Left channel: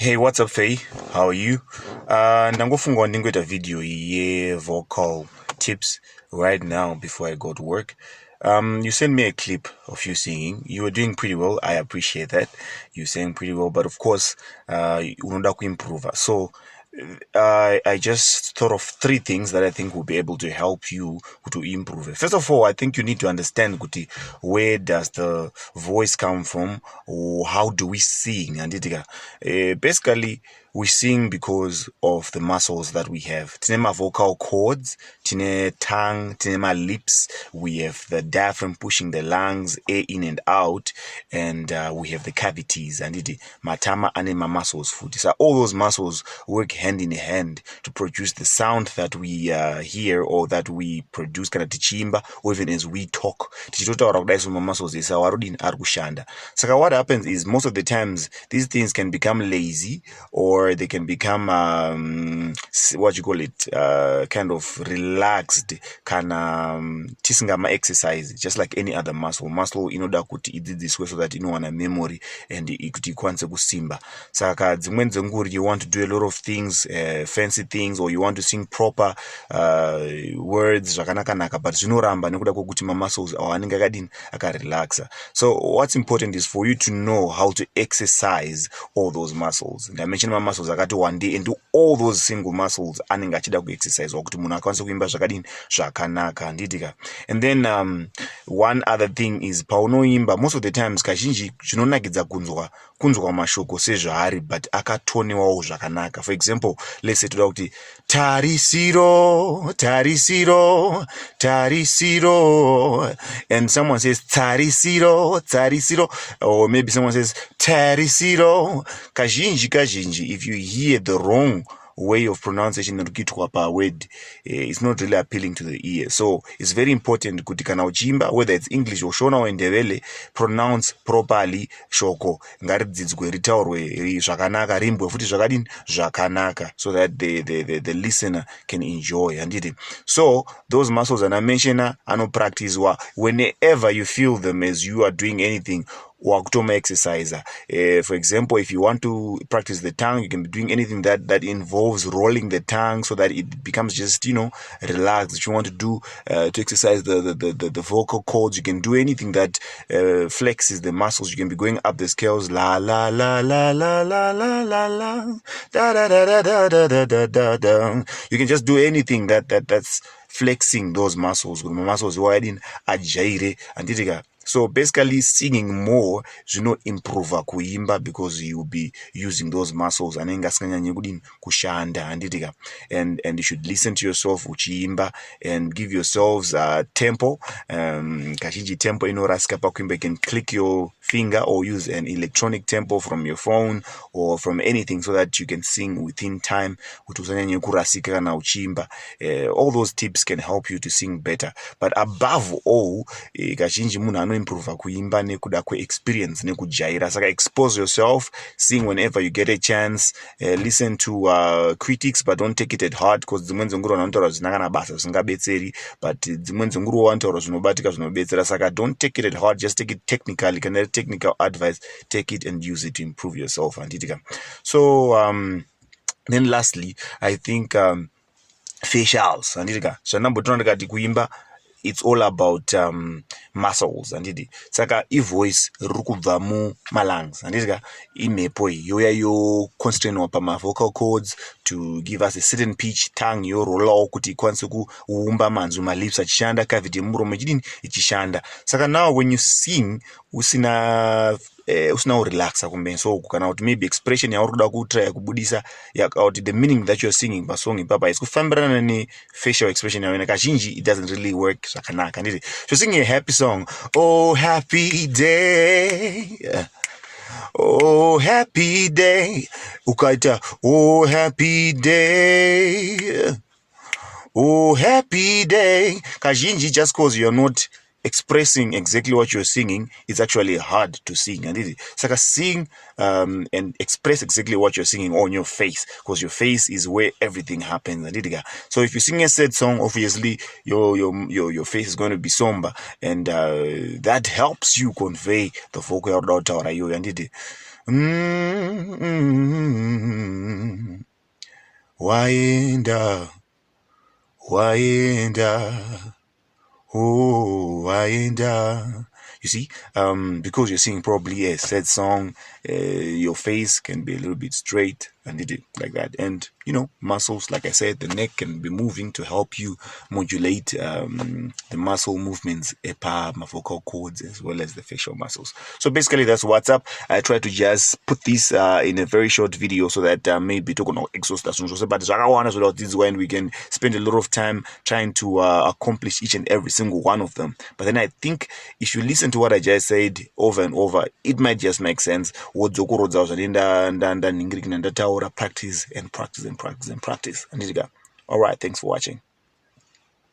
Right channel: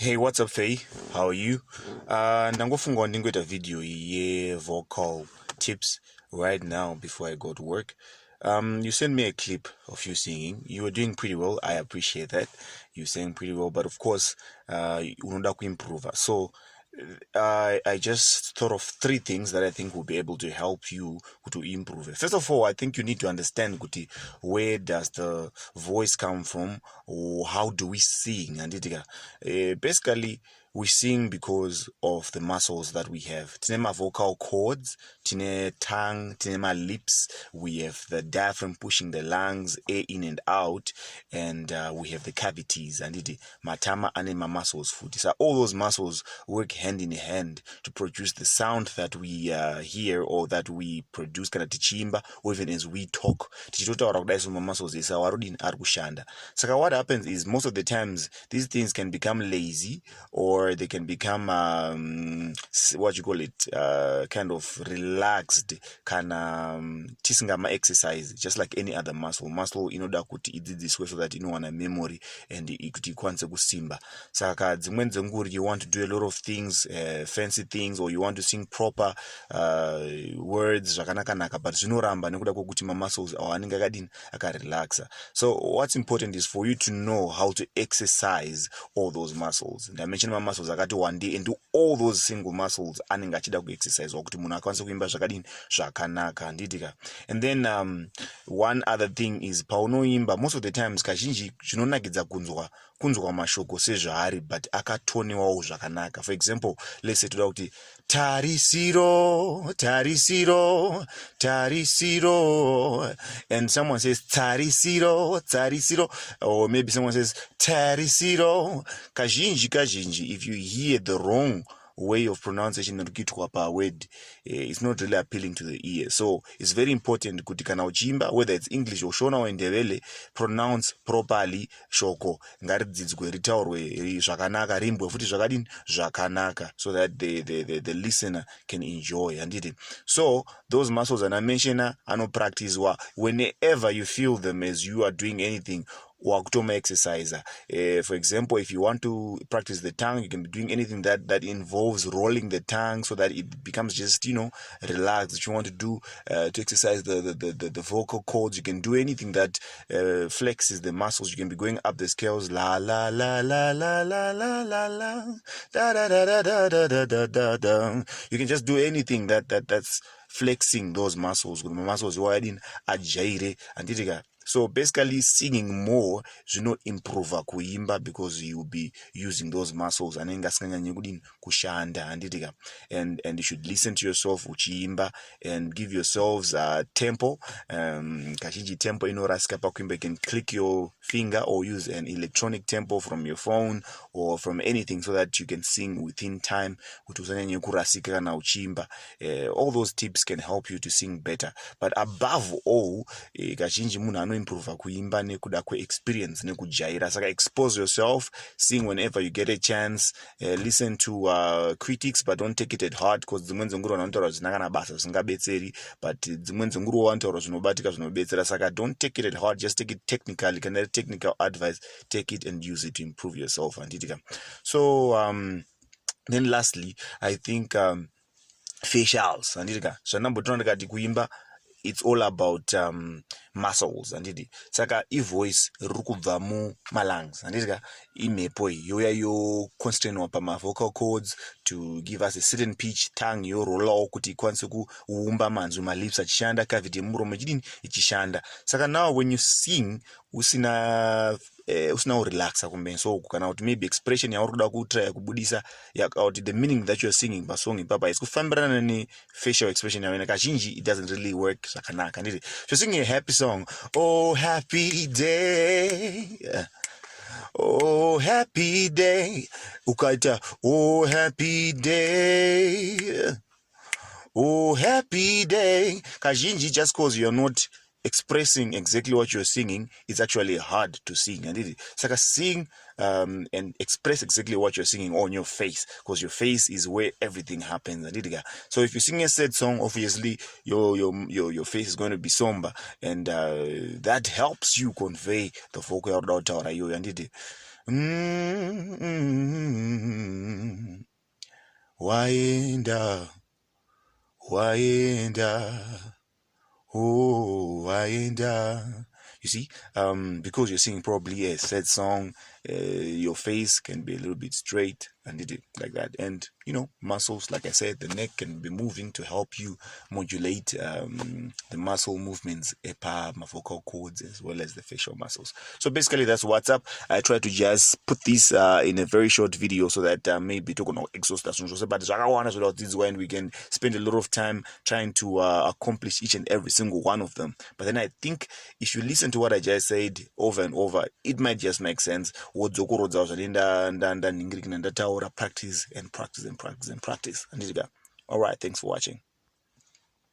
Hey, what's up, Faye? How are you? Ndangofunga ndingoita video ye vocal tips right now before I go to work. You sent me a clip of you singing. You were doing pretty well. I appreciate that. You sang pretty well, but of course, unoda kuimprova. So, I just thought of 3 things that I think will be able to help you to improve. First of all, I think you need to understand, kuti, where does the voice come from, or how do we sing? And basically, we sing because of the muscles that we have. Tine ma vocal cords, tine tongue, tine ma lips. We have the diaphragm pushing the lungs, air in and out, and we have the cavities. And matama ane ma muscles food. So all those muscles work hand in hand to produce the sound that we hear or that we produce kana tichimba, or even as we talk. Tichitotaura kudai so ma muscles is awarudini ari kushanda. Saka what happens is most of the times these things can become lazy, or they can become what you call it, kind of relaxed, tisingama exercise, just like any other muscle inoda kuti idzi this way so that inowana memory and kuti ikwanise kusimba. Saka dzimweni dzenguri you want to do a lot of things, fancy things, or you want to sing proper words zvakanaka, but zvinoramba nekuda kwokuti ma muscles anenge akadini akarelaxa. So what's important is for you to know how to exercise all those muscles. And I mentioned my muscles akati one day and do all those single muscles anenge achida kuexercise wakuti munhu akwanise kuimba zvakadini zvakanaka handitika. And then one other thing is paunoimba most of the times kazhinji zvinonakidza kunzwa mashoko sezvaari but akatonewawo zvakanaka. For example, let's say toda kuti tarisiro tarisiro tarisiro, and someone says tarisiro tarisiro, or maybe someone says tarisiro. Kazhinji if you hear the wrong way of pronunciation nokitwa pa word, it's not really appealing to the ear. So it's very important kuti kana uchimba, whether it's English or Shona or Ndebele, pronounce properly shoko, ngaridzidzwe ritaurwe zvakanaka, rimbwe futi zvakadini zvakanaka, so that the listener can enjoy. And so those muscles and I mention practice whenever you feel them as you are doing anything. Wakutoma exercise. For example, if you want to practice the tongue, you can be doing anything that involves rolling the tongue so that it becomes just, relaxed. If you want to do to exercise the vocal cords, you can do anything that flexes the muscles. You can be going up the scales, la la la la la la la la la, da da da da da da da da da. You can just do anything that's flexing those muscles. Muscles wide in ajaire and so basically singing more improve kuimba because you will be using those muscles and kushanda and you should listen to yourself uchiimba and give yourselves tempo. Kashiji tempo inoraska pakuimba. You can click your finger or use an electronic tempo from your phone or from anything so that you can sing within time. All those tips can help you to sing better, but above all kazhinji munhu improve kuimba nekuda kwe-experience nekujaira. Saka expose yourself, sing whenever you get a chance, listen to critics but don't take it at heart, because dzimweni dzenguru vanotaura zvinakana basa zvisingabetseri, but dzimweni dzenguru vanotaura zvinobatika zvinobetsera. Saka don't take it at heart, just take it technically. Kana technical advice, take it and use it to improve yourself. So then lastly, I think facials handitika zvanambotoona ndikati kuimba it's all about muscles and saka voice riri kubva mumalungs handitika imhepo yoya yoconstrainwa pama vocal cords to give us a certain pitch. Tongue yorolawo kuti ikwanise kuumba manzwi, malips achishanda, cavity yemuromo ichishanda. Saka now when you sing usina relaxa kumbe so kana kuti maybe expression yauri kuda kutry kubudisa yakauti the meaning that you're singing pasong ipapa is kufambirana ne facial expression yawe kazhinji it doesn't really work zvakanaka nditi. So singing a happy song, oh happy day, oh happy day, ukaita oh happy day, oh happy day, kazhinji just cause you're not expressing exactly what you're singing, it's actually hard to sing. And saka sing and express exactly what you're singing on your face, because your face is where everything happens. And so if you sing a sad song, obviously your face is going to be somber, and that helps you convey the vocal and waenda, waenda, oh, waenda. You see, because you're singing probably a sad song, your face can be a little bit straight and it like that. And you know, muscles, like I said, the neck can be moving to help you modulate the muscle movements, my vocal cords, as well as the facial muscles. So basically, that's what's up. I try to just put this in a very short video so that maybe to exhaust us. But this is when we can spend a lot of time trying to accomplish each and every single one of them. But then I think if you listen to what I just said over and over, it might just make sense. Practice and practice and practice and practice. All right, thanks for watching.